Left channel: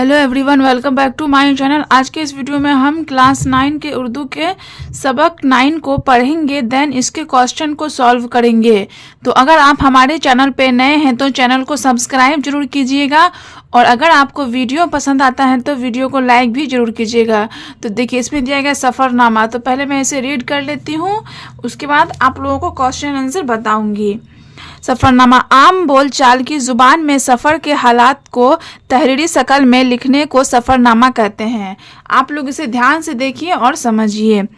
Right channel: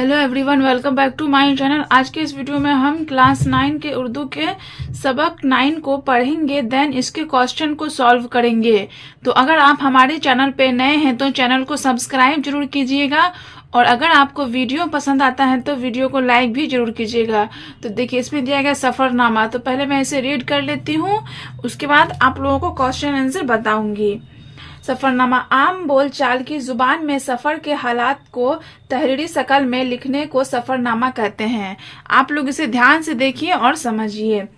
Hello everyone, welcome back to my channel. आज के इस वीडियो में हम क्लास 9 के उर्दू के सबक 9 को पढ़ेंगे, देन इसके क्वेश्चन को सॉल्व करेंगे। तो अगर आप हमारे चैनल पे नए हैं तो चैनल को सब्सक्राइब जरूर कीजिएगा, और अगर आपको वीडियो पसंद आता है तो वीडियो को लाइक भी जरूर कीजिएगा। तो देखिए, इसमें दिया गया सफ़रनामा। तो पहले मैं इसे रीड कर लेती हूँ, उसके बाद आप लोगों को क्वेश्चन आंसर बताऊंगी। सफ़रनामा आम बोलचाल की जुबान में सफ़र के हालात को तहरीरी शक्ल में लिखने को सफ़रनामा कहते हैं। आप लोग इसे ध्यान से देखिए और समझिए।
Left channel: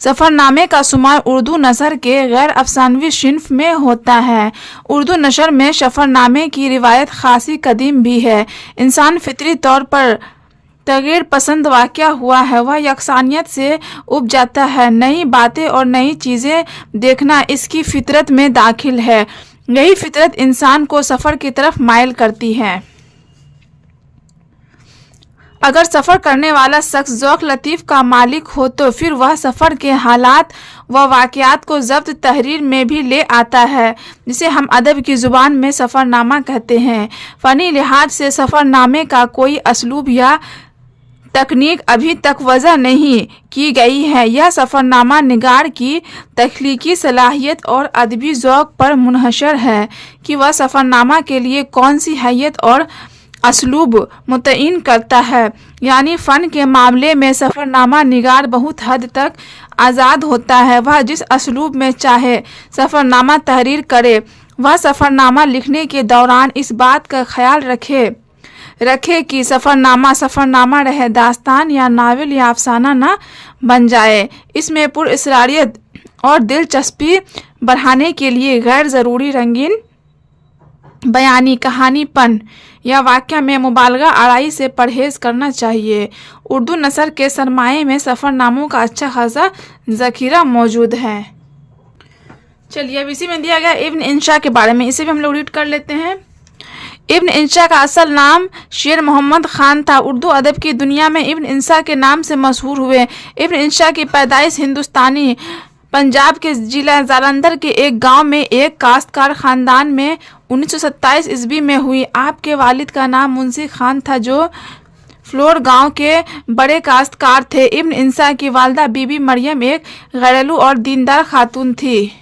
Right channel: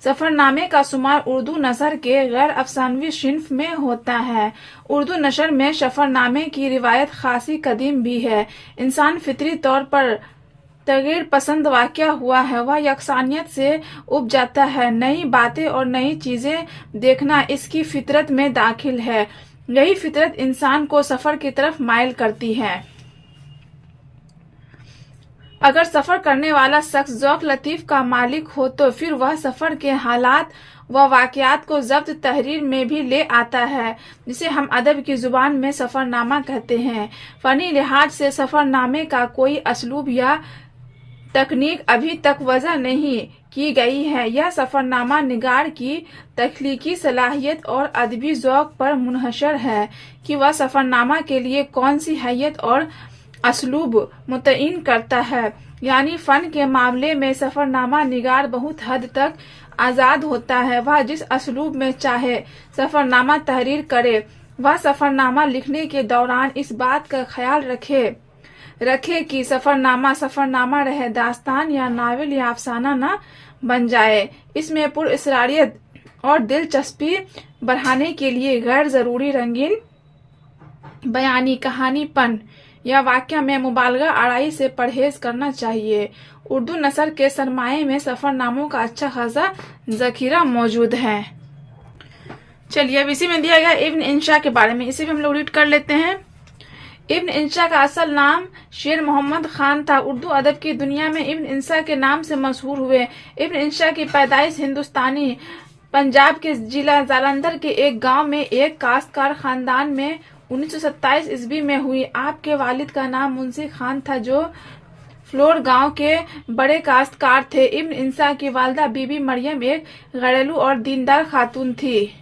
सफ़रनामे का शुमार उर्दू नसर के गैर अफसानवी सिन्फ में होता है। उर्दू नसर में सफ़रनामे की रिवायत खासी कदीम भी है। इंसान फितरी तौर पर तगीर पसंद वाक़या हुआ है, वह यकसानियत से उब जाता है। नई बातें और नई चीज़ें देखना इसकी फितरत में दाखिल है। यही फितरत इंसान को सफ़र की तरफ माइल करती है। अगर सफ़र करने वाला शख्स ज़ौक़ लतीफ़ का मालिक हो तो फिर वह सफ़र के हालात व वाक़यात को ज़ब्त तहरीर में भी ले आता है, जिसे हम अदब की ज़ुबान में सफ़रनामा कहते हैं। फ़नी लिहाज से सफ़रनामे का कोई असलूब या तकनीक अभी तक वज़ा नहीं की गई है। यह सफ़रनामा निगार की तख्लीकी सलाहियत और अदबी ज़ौक़ पर मुनहसर है कि वह सफ़रनामा के लिए कौन सी हैयत और असलूब मुतय्इन करता है। यानी फ़न के मामले में सफ़रनामा निगार बहुत हद तक आज़ाद होता है। वह जिस असलूब में चाहे सफ़रनामा तहरीर करे। वह सफ़रनामा लिखने के दौरान इस बात का ख्याल रखे कि सफ़रनामा रहे, दास्तान या नावल या अफसाना ना बन जाए। इसमें पुरअसरारियत और दिलचस्पी बढ़ाने के लिए गैर ज़रूरी रंगीन बयानी, कहानीपन या वाक़या में मुबालगा आड़ाई से परहेज़ करना चाहिए। उर्दू नसर के सरमाए में सफ़रनामों का अच्छा खासा ज़ख़ीरा मौजूद है। चलिए, अब इसी में दिया गया इब्न इंशा के बारे में, इसे भी हम लोग रीड कर लेते हैं। इब्न इंशा का असल नाम शेर मोहम्मद खान था। उर्दू अदब की दुनिया में इब्न इंशा के नाम से मशहूर हुए। इब्न इंशा की पैदाइश हिंदुस्तानी पंजाब के जिला जालंधर के एक गांव में एक काश्तकार ख़ानदान में 1927 ईस्वी में हुई। आपके वालिद का नाम मुंशी खान था, जो फ्लोर गांव के बड़े काश्तकार थे। इब्न इंशा की वालिदा बीबी मरियम एक घरेलू और दीनदार खातून थी।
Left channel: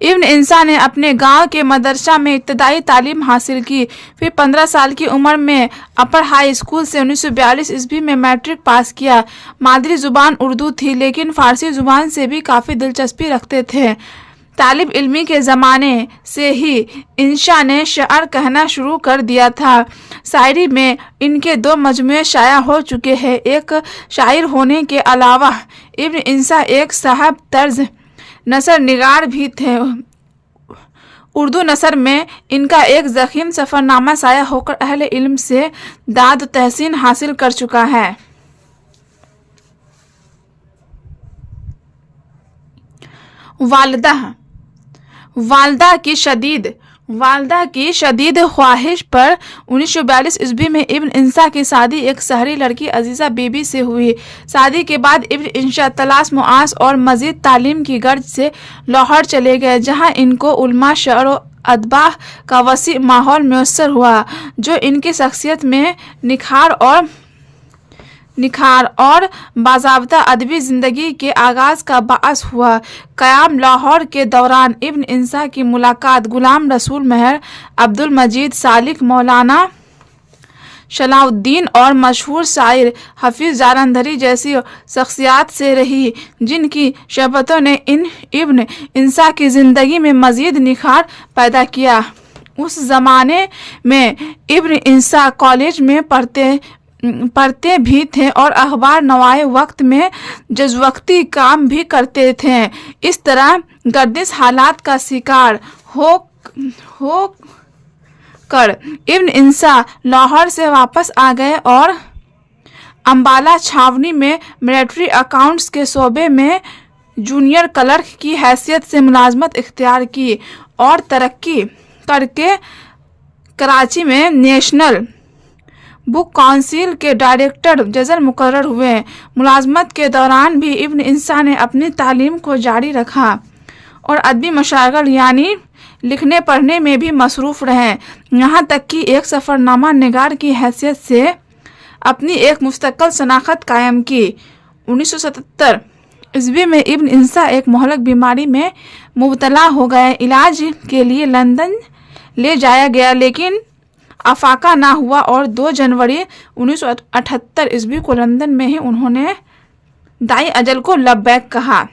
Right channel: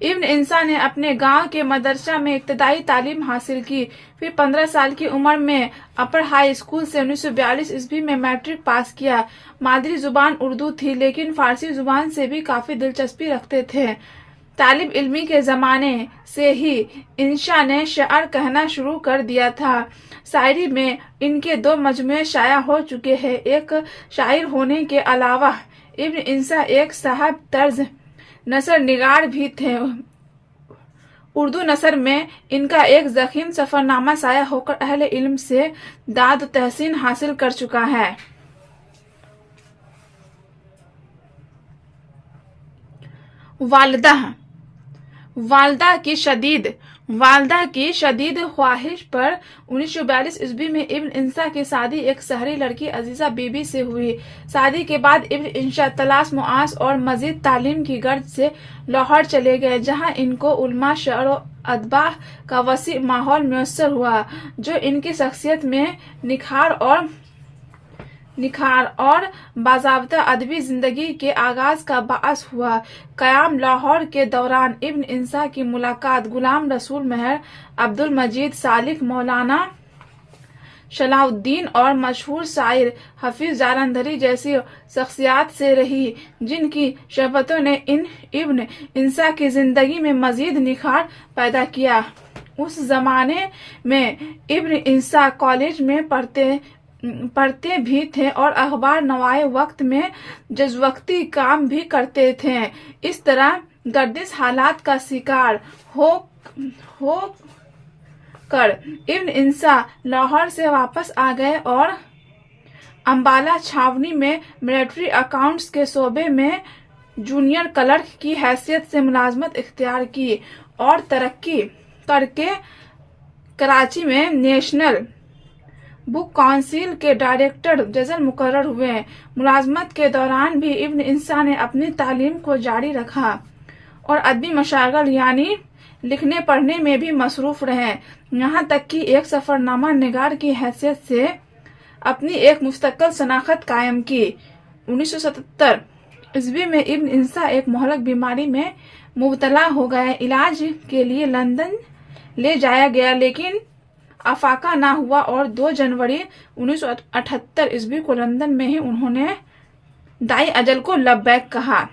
इब्न इंशा ने अपने गांव के मदरसा में इब्तदाई तालीम हासिल की। फिर 15 साल की उम्र में अपर हाई स्कूल से 1942 ईस्वी में मैट्रिक पास किया। मादरी ज़ुबान उर्दू थी, लेकिन फ़ारसी ज़ुबान से भी काफ़ी दिलचस्पी रखते थे। तालिब इल्मी के ज़माने से ही इंशा ने शायर कहना शुरू कर दिया था। शायरी में इनके 2 मजमूए शाया हो चुके हैं। एक शायर होने के अलावा इब्न इंशा एक साहब तर्ज नसर निगार भी थे। उर्दू नसर में इनका एक ज़ख़ीम सफ़रनामा शाया होकर अहले इल्म से दाद तहसीन हासिल कर चुका है। वालदा की शदीद ख्वाहिश पर 1942 ईस्वी में इब्न इंशा की शादी एक शहरी लड़की अजीज़ा बीबी से हुई। शादी के बाद इब्न इंशा तलाश मुआश और मज़ीद तालीम की गर्ज से लाहौर चले गए, जहां इनको उलमा, शअर और अदबाह का वसी माहौल मुयस्सर हुआ, जो इनकी शख्सियत में निखार और बाज़ाब्ता अदबी ज़िंदगी के आगाज़ का बाअस हुआ। क़याम लाहौर के दौरान इब्न इंशा की मुलाकात गुलाम रसूल मेहर, अब्दुल मजीद सालिक, मौलाना सलाहुद्दीन और मशहूर शायर हफीज़ जालंधरी जैसी शख्सियात से रही, जिनकी शहबतों ने इब्न इंशा की ज़िंदगी में मज़ीद निखार पैदा किया। उस ज़माने में इब्न इंशा कॉलेज में पढ़ते भी थे और अखबार नवाए वक्त में जज़्वक्ती काम भी करते थे। इस तरह गर्दिश हालात का शिकार हो कर इब्न इंशा लाहौर से वापस आ गए और अम्बाला छावनी में मिलिट्री अकाउंट्स के शोबे में जूनियर क्लर्क की हैसियत से मुलाजमत इख्तियार की और तरक्की करके कराची में नेशनल बुक काउंसिल के डायरेक्टर जनरल मुकर्रर हुए। मुलाजमत के दौरान भी इब्न इंशा ने अपनी तालीम को जारी रखा और अदबी मशागल यानी लिखने पढ़ने में भी मसरूफ़ रहे, यहाँ तक कि एक सफ़रनामा निगार की हैसियत से अपनी एक मुस्तक़ल शनाख्त कायम की। 1977 ईस्वी में इब्न इंसा एक मोहलक बीमारी में मुबतला हो गए। इलाज के लिए लंदन ले जाया गया लेकिन अफाका ना हुआ और 2 जनवरी 1978 ईस्वी को लंदन में ही उन्होंने दाई अजल को लब्बैक कहा।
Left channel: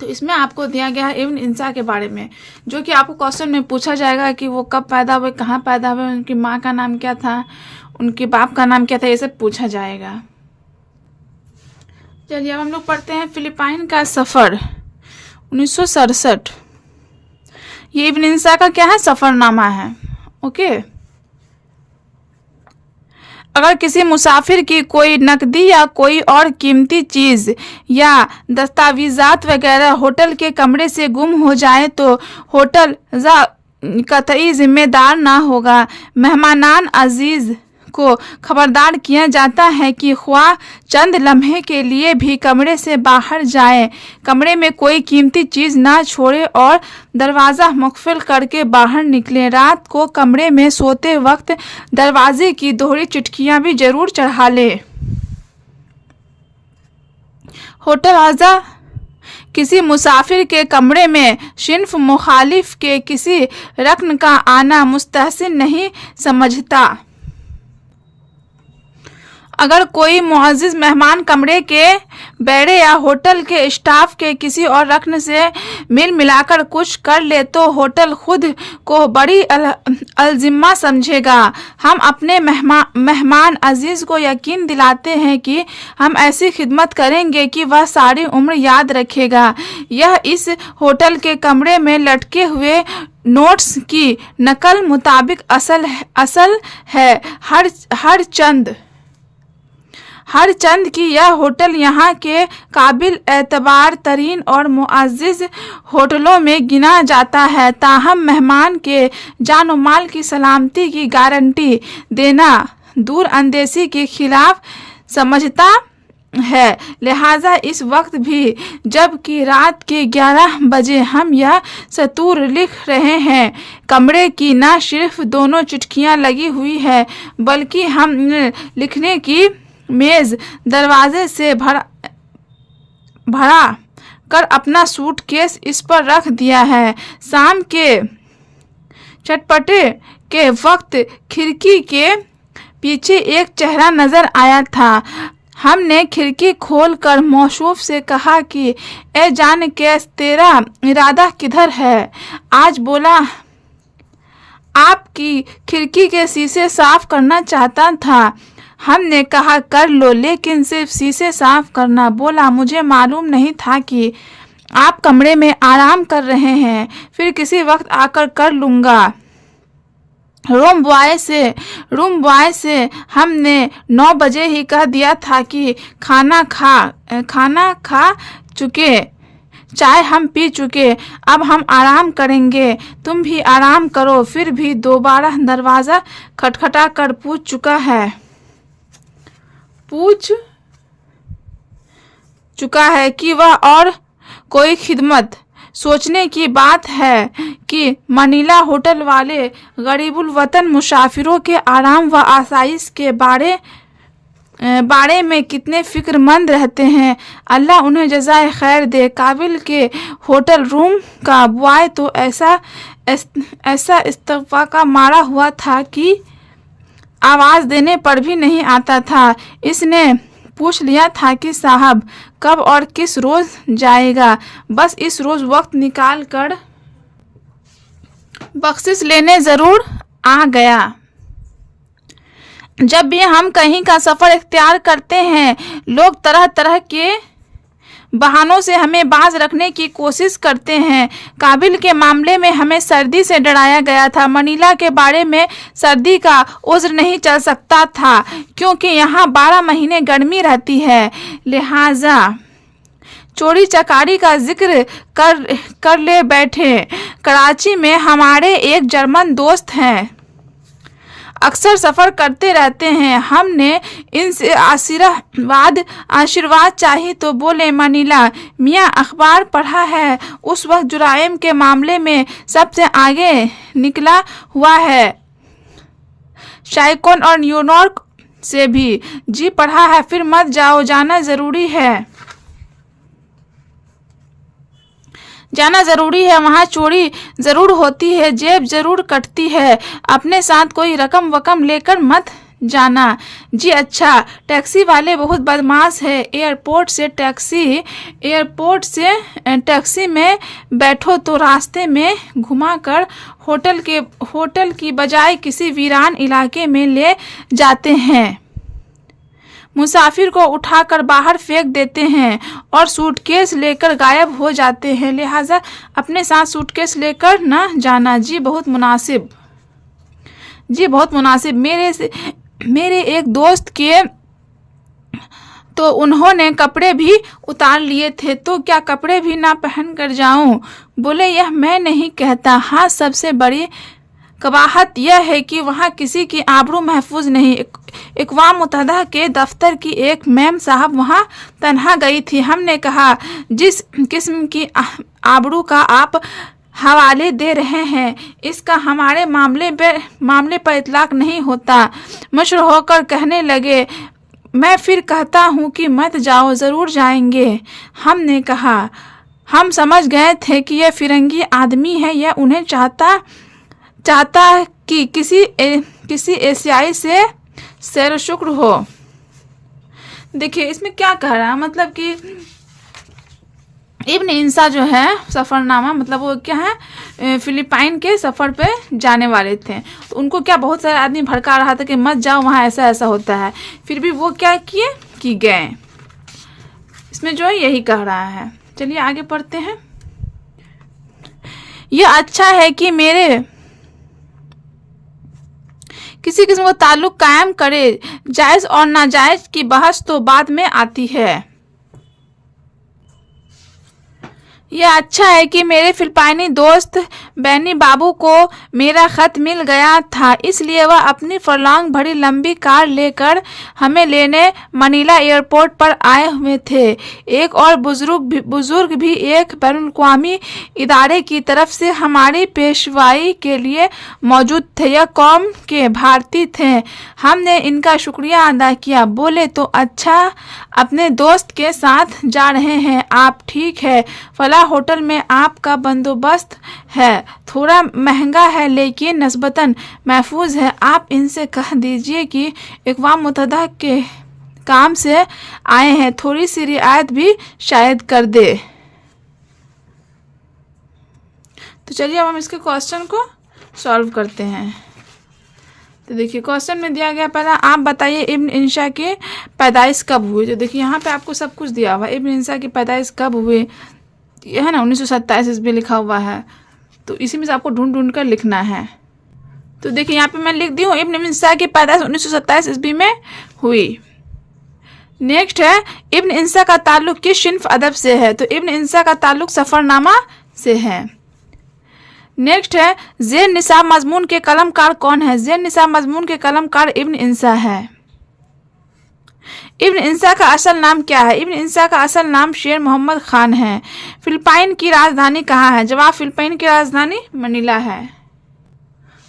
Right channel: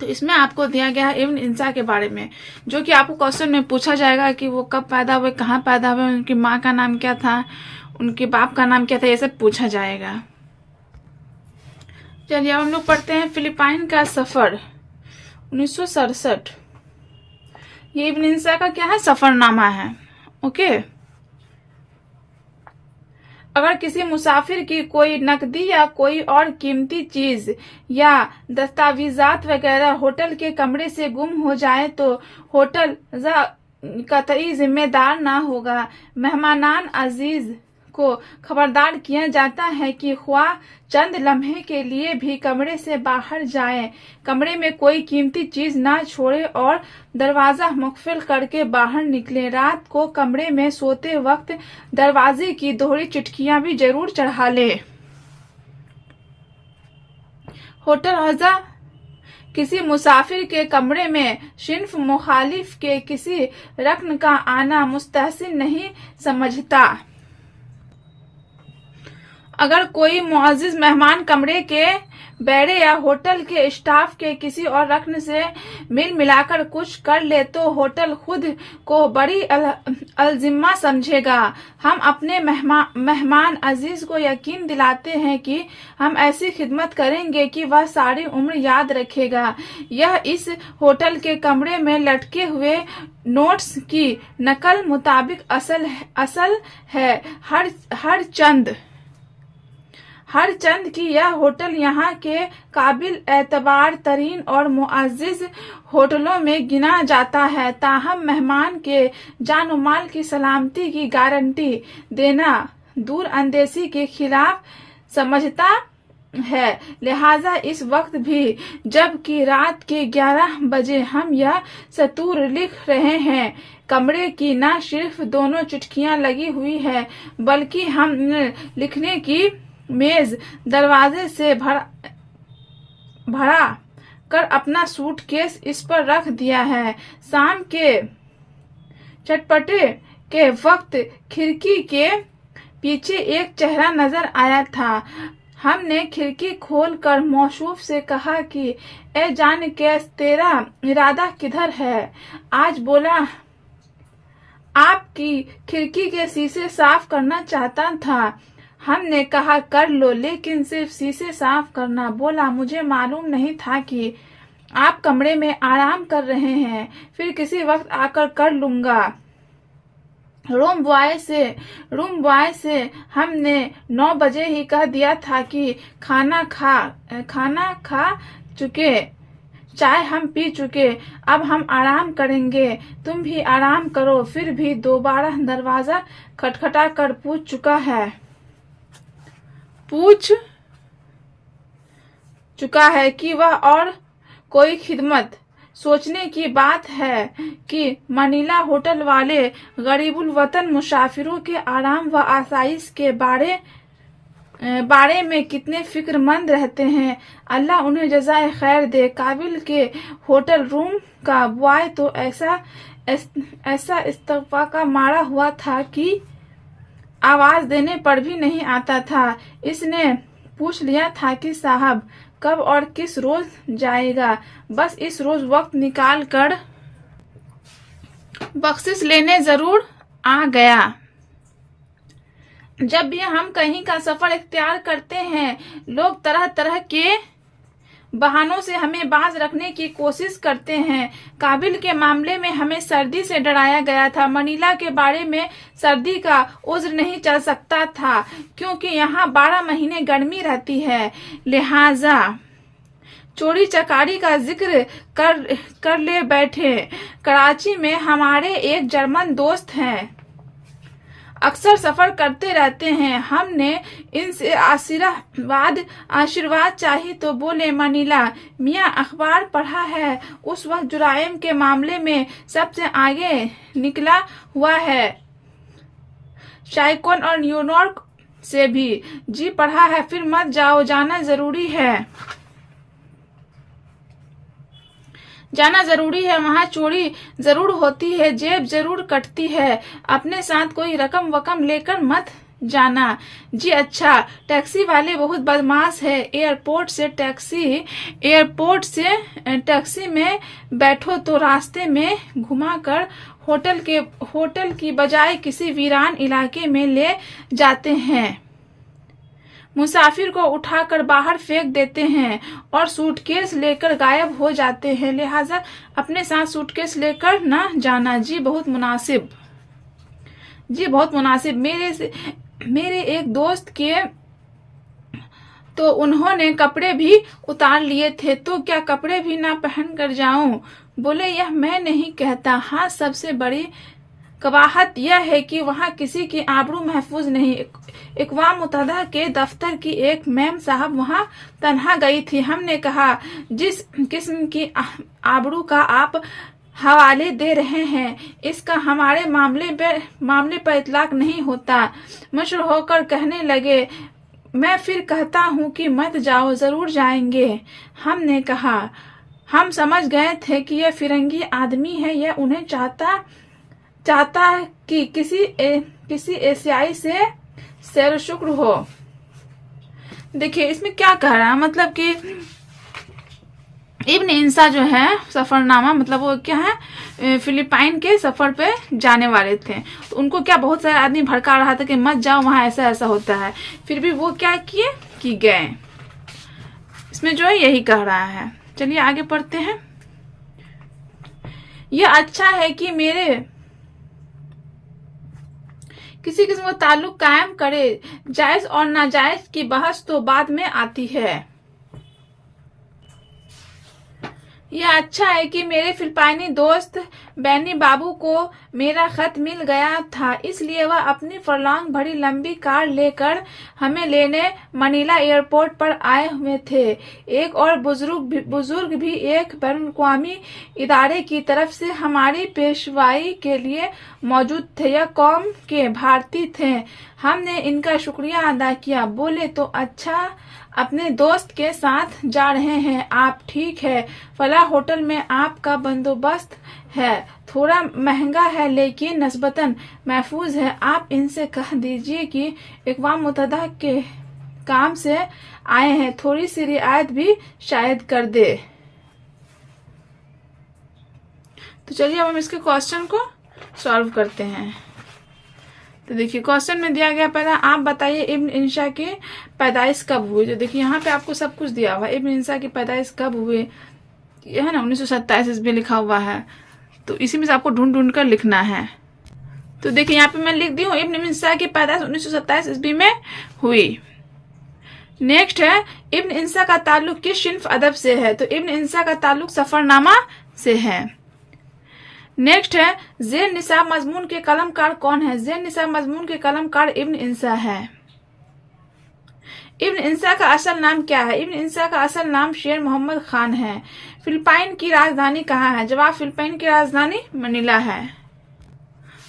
तो इसमें आपको दिया गया है इब्न इंसा के बारे में, जो कि आपको क्वेश्चन में पूछा जाएगा कि वो कब पैदा हुए, कहाँ पैदा हुए, उनकी माँ का नाम क्या था, उनके बाप का नाम क्या था, ये सब पूछा जाएगा। चलिए अब हम लोग पढ़ते हैं फिलिपाइन का सफ़र 1967। ये इब्न इंसा का क्या है, सफ़रनामा है। ओके, अगर किसी मुसाफिर की कोई नकदी या कोई और कीमती चीज़ या दस्तावेज़ात वगैरह होटल के कमरे से गुम हो जाए तो होटल कतई जिम्मेदार ना होगा। मेहमानान अजीज़ को खबरदार किया जाता है कि ख्वाह चंद लम्हे के लिए भी कमरे से बाहर जाए, कमरे में कोई कीमती चीज़ ना छोड़े और दरवाज़ा मुक़फ़िल करके बाहर निकले। रात को कमरे में सोते वक्त दरवाजे की दोहरी चिटकियाँ भी ज़रूर चढ़ा ले। होटल आज़ा किसी मुसाफिर के कमरे में सिन्फ मुखालिफ के किसी रकन का आना मुस्तहसिन नहीं समझता। अगर कोई मुअज़्ज़िज़ मेहमान कमरे के बैरे या होटल के स्टाफ के किसी और रकन से मिल मिलाकर कुछ कर ले तो होटल खुद को बड़ी अलजिम्मा समझेगा। हम अपने मेहमान अजीज़ को यकीन दिलाते हैं कि हम ऐसी खिदमत करेंगे कि वह सारी उम्र याद रखेगा। यह इस होटल के कमरे में लटके हुए नोट्स की नकल मुताबिक असल है। हर चंद की यह होटल यहाँ के काबिल एतबार तरीन और मुअज़्ज़िज़ होटलों में गिना जाता है। ताहम मेहमान के जान और माल की सलामती की गारंटी देना दूर अंदेशी के खिलाफ समझता है। लिहाजा इस वक्त भी जबकि रात के 11 बजे हम यह सतूर लिख रहे हैं, कमरे की न सिर्फ दोनों चिटकियाँ लगी हुई है बल्कि हम लिखने की मेज़ दरवाजे से भरा कर अपना सूटकेस इस पर रख दिया है। शाम के चटपटे के वक्त खिड़की के पीछे एक चेहरा नज़र आया था। हमने खिड़की खोलकर मौसूफ से कहा कि ए जान केस, तेरा इरादा किधर है? आज बोला आपकी खिड़की के शीशे साफ करना चाहता था। हमने कहा कर लो, लेकिन सिर्फ शीशे साफ करना। बोला मुझे मालूम नहीं था कि आप कमरे में आराम कर रहे हैं, फिर किसी वक्त आकर कर लूँगा। रूम बॉय से हमने 9 बजे ही कह दिया था कि खाना खा चुके, चाय हम पी चुके, अब हम आराम करेंगे, तुम भी आराम करो। फिर भी दोबारा दरवाज़ा खटखटा कर पूछ चुका है कि वह और कोई खिदमत। सोचने की बात है कि मनीला होटल वाले गरीबुल वतन मुसाफिरों के आराम व आसाइश के बारे में कितने फ़िक्रमंद रहते हैं। अल्लाह उन्हें जज़ाए खैर दे। काबिल के होटल रूम का बॉय तो ऐसा इस्तफ़ा का मारा हुआ था कि आवाज़ देने पर भी नहीं आता था। इसने पूछ लिया था कि साहब कब और किस रोज़ जाएगा, बस इस रोज़ वक्त निकाल कर बख्शिश लेने ज़रूर आ गया। जब भी हम कहीं का सफ़र इख्तियार करते हैं, लोग तरह तरह के बहानों से हमें बाज रखने की कोशिश करते हैं। काबिल के मामले में हमें सर्दी से डराया गया था। मनीला के बारे में सर्दी का उज़्र नहीं चल सकता था क्योंकि यहाँ 12 महीने गर्मी रहती है। लिहाजा चोरी चकारी का जिक्र कर ले बैठे। कराची में हमारे एक जर्मन दोस्त हैं। अक्सर सफ़र करते रहते हैं। हमने इनसे आशीर्वाद चाहिए तो बोले, मनीला मियाँ अखबार पढ़ा है, उस वक्त जुराइम के मामले में सबसे आगे निकला हुआ है, शाइकॉन और न्यूयॉर्क से भी। जी पढ़ा है, फिर मत जाओ, जाना ज़रूरी है, जाना ज़रूरी है। वहाँ चोरी ज़रूर होती है, जेब ज़रूर कटती है, अपने साथ कोई रकम वकम लेकर मत जाना। जी अच्छा। टैक्सी वाले बहुत बदमाश है। एयरपोर्ट से टैक्सी में बैठो तो रास्ते में घुमाकर होटल की बजाय किसी वीरान इलाके में ले जाते हैं, मुसाफिर को उठाकर बाहर फेंक देते हैं और सूटकेस लेकर गायब हो जाते हैं, लिहाजा अपने साथ सूटकेस लेकर ना जाना। जी बहुत मुनासिब, जी बहुत मुनासिब। मेरे एक दोस्त के तो उन्होंने कपड़े भी उतार लिए थे, तो क्या कपड़े भी ना पहन कर जाऊं? बोले, यह मैं नहीं कहता। हाँ, सबसे बड़ी कबाहत यह है कि वहाँ किसी की आबरू महफूज नहीं। अक़वाम मुत्तहिदा के दफ्तर की एक मैम साहब वहाँ तन्हा गई थी। हमने कहा, जिस किस्म की आबरू का आप हवाले दे रहे हैं, इसका हमारे मामले पर इतलाक नहीं होता। मशहूर होकर कहने लगे, मैं फिर कहता हूँ कि मत जाओ, ज़रूर जाएंगे। हमने कहा, हम समझ गए थे कि यह फिरंगी आदमी है, यह उन्हें चाहता कि किसी एशियाई से सैर शुक्र हो। देखिए इसमें क्या कह रहा है, मतलब कि इब्न इंसा जो है सफ़रनामा, मतलब वो क्या है, फिलिपाइन के सफ़र पे जाने वाले थे, तो उनको क्या बहुत सारे आदमी भड़का रहा था कि मत जाओ, वहाँ ऐसा ऐसा होता है, फिर भी वो क्या किए कि गए। इसमें जो है यही कह रहा है। चलिए आगे पढ़ते हैं। यह अच्छा है कि मेरे किसी किस्म का ताल्लुक कायम करे, जायज़ और नाजायज़ की बहस तो बाद में आती है। यह अच्छा है कि मेरे फिलिपाइनी दोस्त बैनी बाबू को मेरा ख़त मिल गया था, इसलिए वह अपनी फरलांग भरी लंबी कार लेकर हमें लेने मनीला एयरपोर्ट पर आए हुए थे। एक और बुजुर्ग भी एक बैनुल-अक़वामी इदारे की तरफ से हमारी पेशवाई के लिए मौजूद थे। यह कौम के भारतीय थे। हमने इनका शुक्रिया अदा किया। बोले, तो अच्छा, अपने दोस्त के साथ जा रहे हैं आप? ठीक है, फला होटल में आपका बंदोबस्त है, थोड़ा महंगा है लेकिन नस्बतन महफूज है। आप इनसे कह दीजिए कि अक़वाम मुत्तहिदा के काम से आए हैं, थोड़ी सी रियायत भी शायद कर दे। तो चलिए हम इसके क्वेश्चन को सॉल्व करते हैं। तो देखिए क्वेश्चन में दिया गया, पहला, आप बताइए इब्न इंशा की पैदाइश कब हुई। तो देखिए यहाँ पे आपको सब कुछ दिया हुआ है, इब्न इंशा की पैदाइश कब हुई, ये है ना 1927 ईस्वी लिखा हुआ है, तो इसी में से आपको ढूंढ कर लिखना है। तो देखिए यहाँ पे मैं लिख दी हूँ, इब्न इंशा की पैदाइश 1927 ईस्वी में हुई। नेक्स्ट है, इब्न इंशा का ताल्लुक किस सिन्फ अदब से है। तो इब्न इंशा का ताल्लुक सफरनामा से है। नेक्स्ट है, ज़ेर निसाब मजमून के कलमकार कौन है। ज़ेर निसाब मजमून के कलमकार इब्न इंशा है। इब्न इंशा का असल नाम क्या है। इब्न इंशा का असल नाम शेर मोहम्मद खान है। फिलिपाइन की राजधानी कहाँ है। जवाब, फिलिपाइन की राजधानी मनीला है।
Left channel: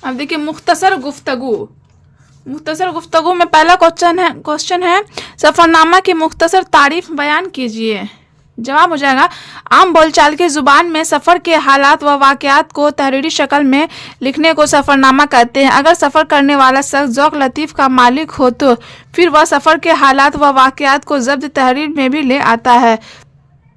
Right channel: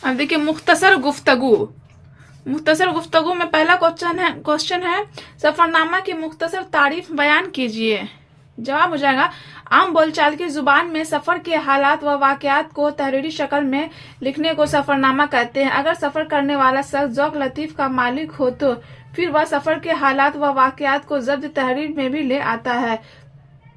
अब देखिए मुख्तसर गुफ्तगू में पहला क्वेश्चन है सफरनामा की मुख्तसर तारीफ बयान कीजिए। जवाब हो जाएगा, आम बोलचाल की जुबान में सफ़र के हालात व वाक़यात को तहरीरी शक्ल में लिखने को सफ़रनामा कहते हैं। अगर सफ़र करने वाला शख्स ज़ौक़ लतीफ़ का मालिक हो तो फिर वह सफ़र के हालात व वाक़यात को ज़ब्त तहरीर में भी ले आता है,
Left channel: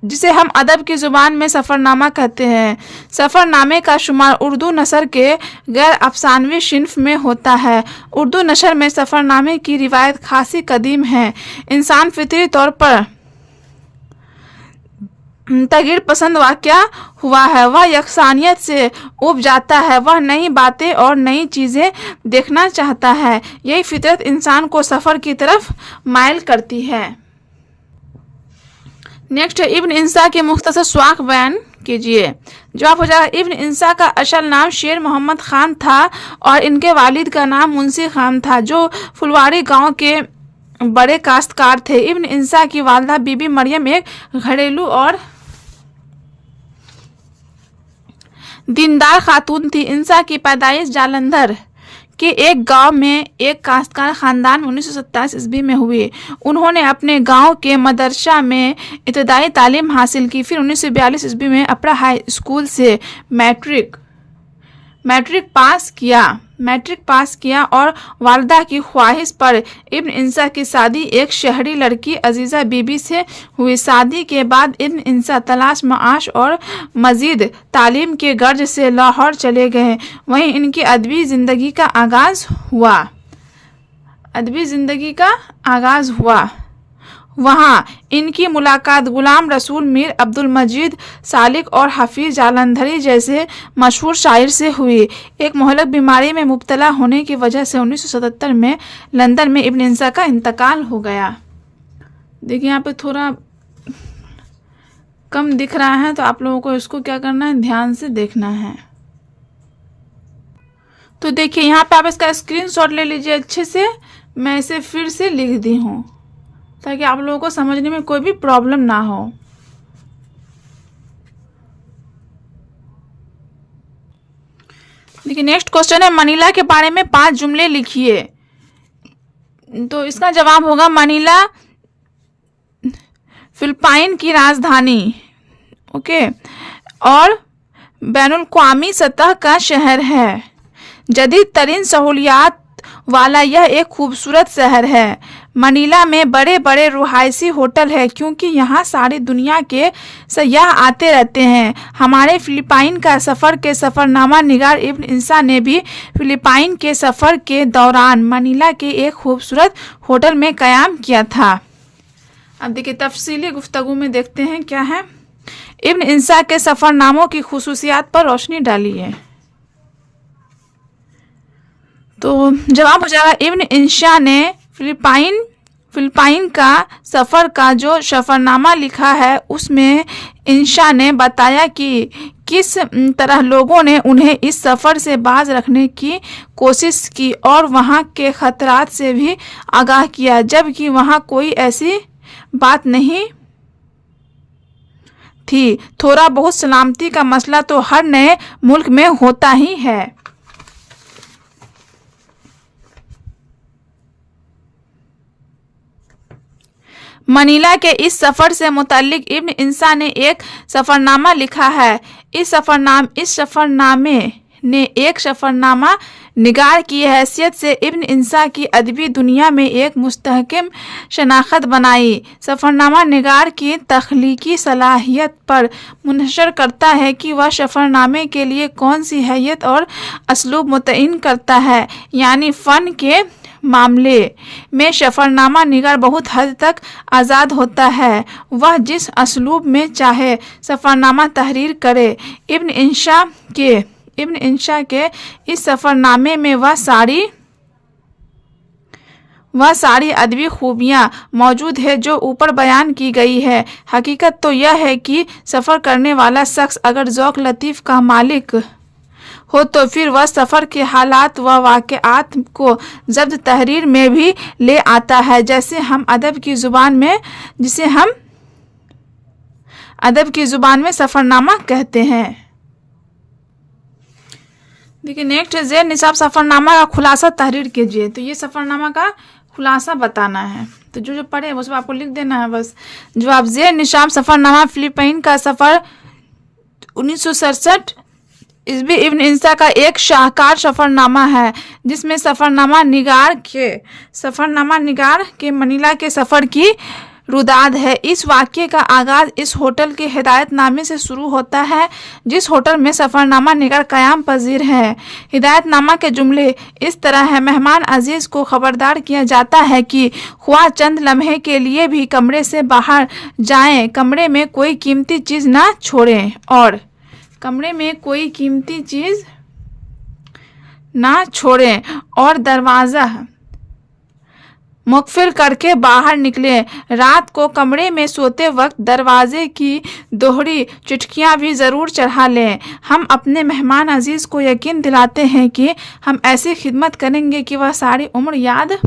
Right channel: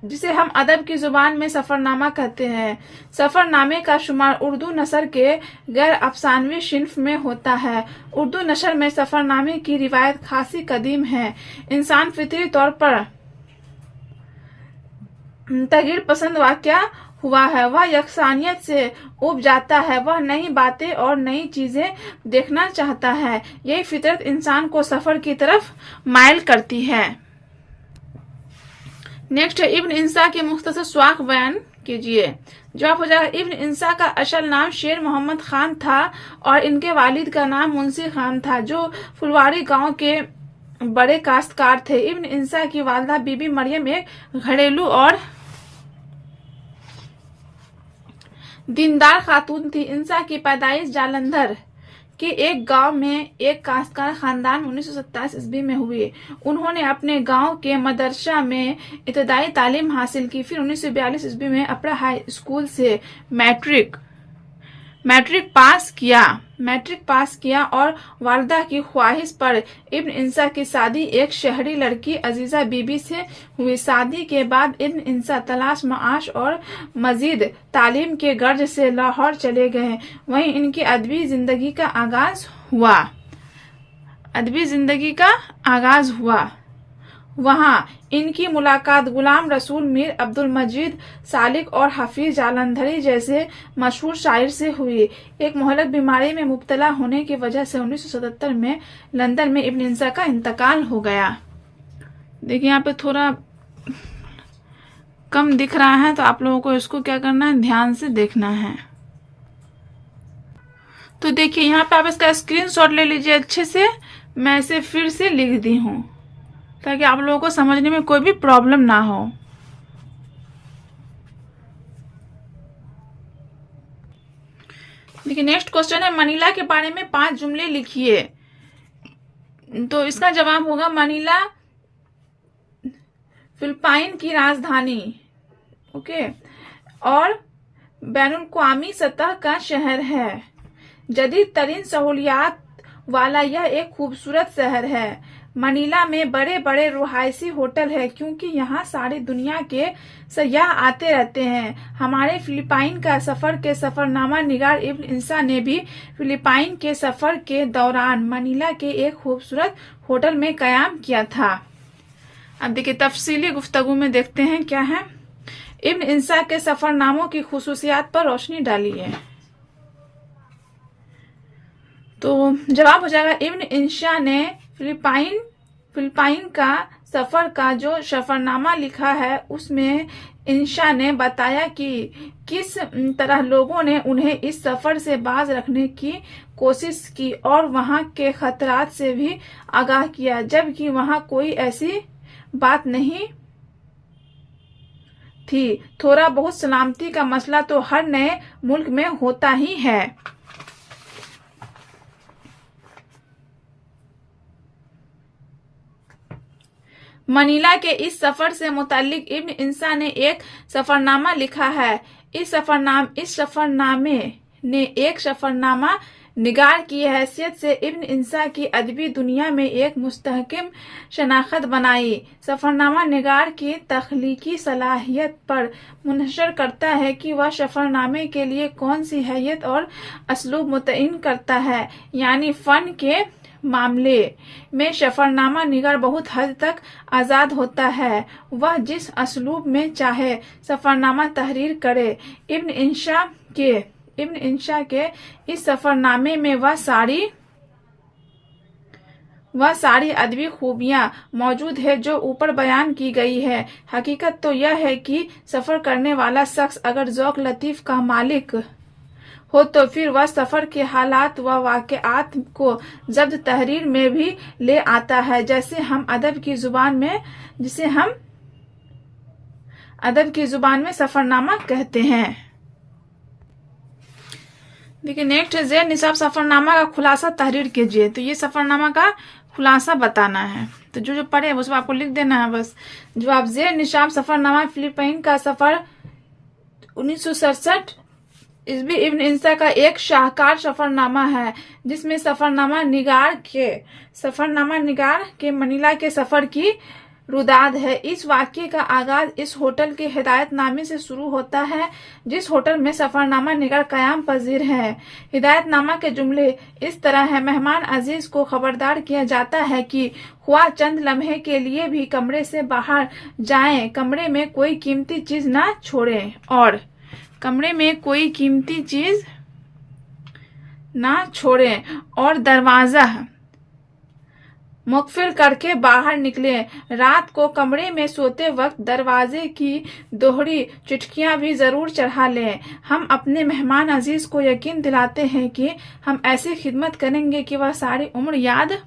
जिसे हम अदब की ज़ुबान में सफ़रनामा कहते हैं। सफ़रनामे का शुमार उर्दू नसर के गैर अफसानवी सिन्फ में होता है। उर्दू नशर में सफ़रनामे की रिवायत खासी कदीम है। इंसान फितरी तौर पर तगीर पसंद वाक़या हुआ है, वह यकसानियत से उब जाता है, वह नई बातें और नई चीज़ें देखना चाहता है। यही फितरत इंसान को सफ़र की तरफ माइल करती है। नेक्स्ट है, इब्न इंशा के मुख्तसर स्वाक बयान कीजिए। जवाब हो जाएगा इब्न इंसा का असल नाम शेर मोहम्मद खान था और इनके वालिद का नाम मुंशी खान था, जो फुलवारी गांव के बड़े काश्तकार थे। इब्न इंसा की वालिदा बीबी मरियम एक घरेलू और दीनदार खातून थी। इंसा की पैदाइश जालंधर के एक गांव में एक काश्तकार खानदान में 1927 ईस्वी में हुई। उन्होंने अपने गांव के मदरसा में इब्तदाई तालीम हासिल की। फिर 1942 ईस्वी में अपर हाई स्कूल से मैट्रिक पास किया और वालिदा की ख्वाहिश पर इब्न इंसा की शादी एक शहरी लड़की अजीज़ा बीबी से हुई। शादी के बाद इब्न इंसा तलाश माश और मजीद तालीम के गर्ज से लाहौर चले गए। वहीं इनकी अदबी ज़िंदगी का आगाज़ हुआ। वहाँ इनकी मुलाकात गुलाम रसूल मीर अब्दुल मजीद सालिक और हफीज जालंधरी जैसे मशहूर शायर से हुई। एक मोहलक बीमारी में मुब्तला होने की वजह से 1977 में लंदन में इब्न इंसा का इंतकाल हो गया। देखिए यहाँ पे थोड़ा कम दिख रहा है, तो आप लोगों को इसको क्या करना है, ध्यान से देखना है। तो देखिए यहाँ पे आप इसका स्क्रीनशॉट ले लीजिए अच्छे से। मैं इसे फिर से लिख दी हूँ ताकि आप लोगों को समझने में कोई भी प्रॉब्लम ना हो। देखिए नेक्स्ट क्वेश्चन है, मनीला के बारे में 5 जुमले लिखिए। तो इसका जवाब होगा मनीला फिलिपाइन की राजधानी, ओके, और बैनुल-अक़वामी सतह का शहर है। जदीद तरीन सहूलियात वाला यह एक खूबसूरत शहर है। मनीला में बड़े बड़े रुहायशी होटल है क्योंकि यहाँ सारी दुनिया के सयाह आते रहते हैं। हमारे फिलिपाइन का सफ़र के सफ़रनामा निगार इब्न इंसा ने भी फिलिपाइन के सफ़र के दौरान मनीला के एक खूबसूरत होटल में क़याम किया था। अब देखिए तफसीली गुफ्तगू में देखते हैं क्या है। इब्न इंसा के सफ़रनामों की खुसूसियात पर रोशनी डालिए। तो जवाब हो जाएगा इब्न इंसा ने फिलिपाइन का सफ़र का जो सफ़रनामा लिखा है उसमें इंसा ने बताया कि किस तरह लोगों ने उन्हें इस सफ़र से बाज रखने की कोशिश की और वहाँ के ख़तरात से भी आगाह किया, जबकि वहाँ कोई ऐसी बात नहीं थी। थोड़ा बहुत सलामती का मसला तो हर नए मुल्क में होता ही है। मनीला के इस सफ़र से मुताल्लिक इब्न इंसा ने एक सफ़रनामा लिखा है। इस सफ़रनामे ने एक सफ़रनामा निगार की हैसियत से इब्न इंसा की अदबी दुनिया में एक मुस्तहकम शनाख्त बनाई। सफ़रनामा निगार की तख्लीकी सलाहियत पर मुनहसर करता है कि वह सफ़रनामे के लिए कौन सी हैयत और असलूब मुतय्इन करता है, यानी फ़न के मामले में सफ़रनामा निगार बहुत हद तक आज़ाद होता है। वह जिस असलूब में चाहे सफ़रनामा तहरीर करे। इब्न इंसा के इस सफ़रनामे में वह सारी अदबी खूबियाँ मौजूद है जो ऊपर बयान की गई है। हकीकत तो यह है कि सफ़र करने वाला शख्स अगर ज़ौक़ लतीफ़ का मालिक हो तो फिर वह सफ़र के हालात व वाक़यात को ज़ब्त तहरीर में भी ले आता है, जिसे हम अदब की ज़ुबान में सफ़रनामा कहते हैं। देखिए नेक्स्ट है ज़ेर निसाब सफ़रनामा का खुलासा तहरीर कीजिए। तो ये सफ़रनामा का खुलासा बताना है, तो जो पढ़े वो सब आपको लिख देना है बस। जवाब ज़ेर निसाब सफ़रनामा फिलिपाइन का सफ़र 1967 ईस्वी इब्न इंसा का एक शाहकार सफ़रनामा है, जिसमें सफ़रनामा निगार के मनीला के सफ़र की रुदाद है। इस वाक़ये का आगाज़ इस होटल के हिदायतनामे से शुरू होता है जिस होटल में सफ़रनामा निगार क़याम पजीर है। हिदायतनामा के जुमले इस तरह है, मेहमान अजीज़ को ख़बरदार किया जाता है कि ख्वाह चंद लम्हे के लिए भी कमरे से बाहर जाएं, कमरे में कोई कीमती चीज़ ना छोड़ें और मुखफिल करके बाहर निकले। रात को कमरे में सोते वक्त दरवाजे की दोहरी चिटकियां भी ज़रूर चढ़ा लें। हम अपने मेहमान अजीज़ को यकीन दिलाते हैं कि हम ऐसी खिदमत करेंगे कि वह सारी उम्र याद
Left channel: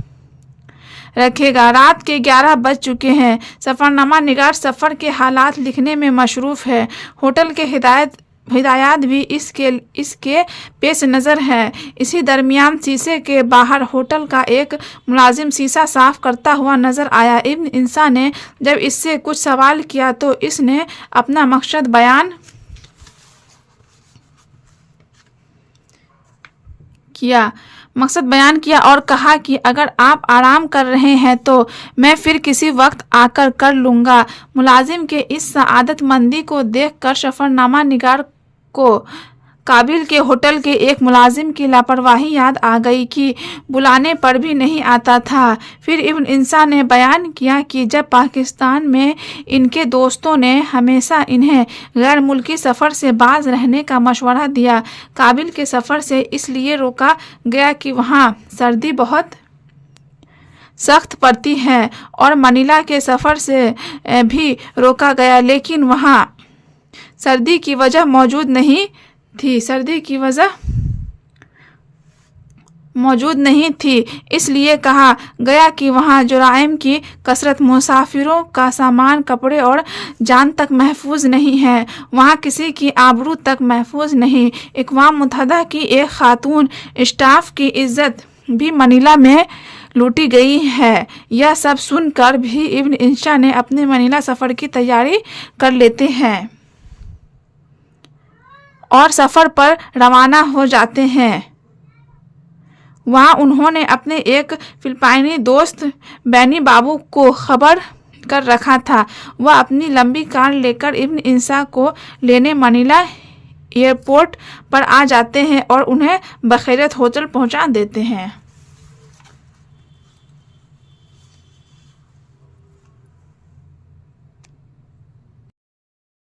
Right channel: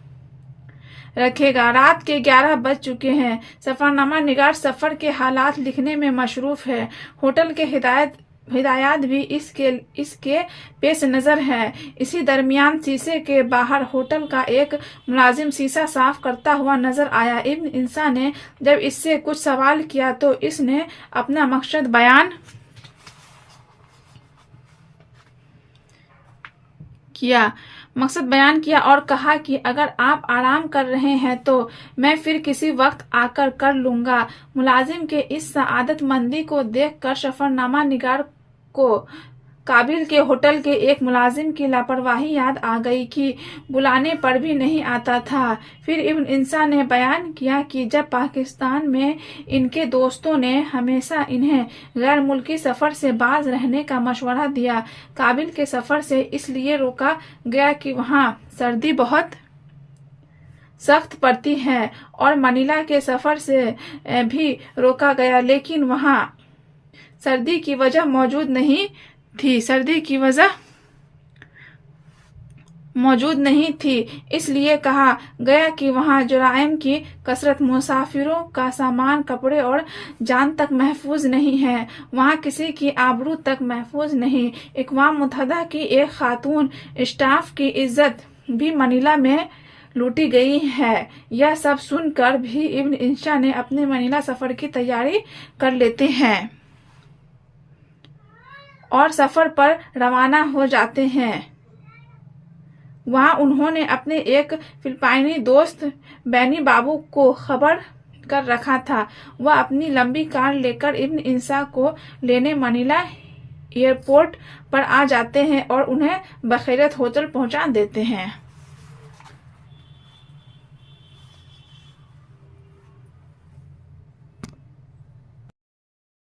रखेगा। रात के 11 बज चुके हैं। सफ़रनामा निगार सफ़र के हालात लिखने में मशरूफ़ है। होटल के हिदायत भी इसके पेश नज़र है। इसी दरमियान शीशे के बाहर होटल का एक मुलाजिम शीशा साफ करता हुआ नज़र आया। इब्न इंसा ने जब इससे कुछ सवाल किया तो इसने अपना मकसद बयान किया और कहा कि अगर आप आराम कर रहे हैं तो मैं फिर किसी वक्त आकर कर लूँगा। मुलाजिम के इस सआदतमंदी को देखकर सफ़रनामा निगार को काबिल के होटल के एक मुलाजिम की लापरवाही याद आ गई कि बुलाने पर भी नहीं आता था। फिर इब्न इंसा ने बयान किया कि जब पाकिस्तान में इनके दोस्तों ने हमेशा इन्हें गैर मुल्की सफ़र से बाज रहने का मशवरा दिया। काबिल के सफ़र से इसलिए रोका गया कि वहाँ सर्दी बहुत सख्त पड़ती है और मनीला के सफ़र से भी रोका गया, लेकिन वहाँ सर्दी की वजह मौजूद नहीं थी। इसलिए कहा गया कि वहाँ जुराइम की कसरत, मुसाफिरों का सामान, कपड़े और जान तक महफूज नहीं है। वहाँ किसी की आबरू तक महफूज नहीं। अक़वाम मुत्तहिदा की एक खातून स्टाफ की इज्जत भी मनीला में लूटी गई है। यह सब सुनकर भी इब्न इंसा ने अपने मनीला सफ़र की तैयारी कर लेते हैं और सफ़र पर रवाना हो जाते हैं। वहाँ उन्होंने अपने एक फिलिपाइनी दोस्त बैनी बाबू को खबर कर रखा था। वह अपनी लंबी कार लेकर इब्न इंसा को लेने मनीला एयरपोर्ट पर आ जाते हैं और उन्हें बखैरियत होटल पहुँचा देते हैं।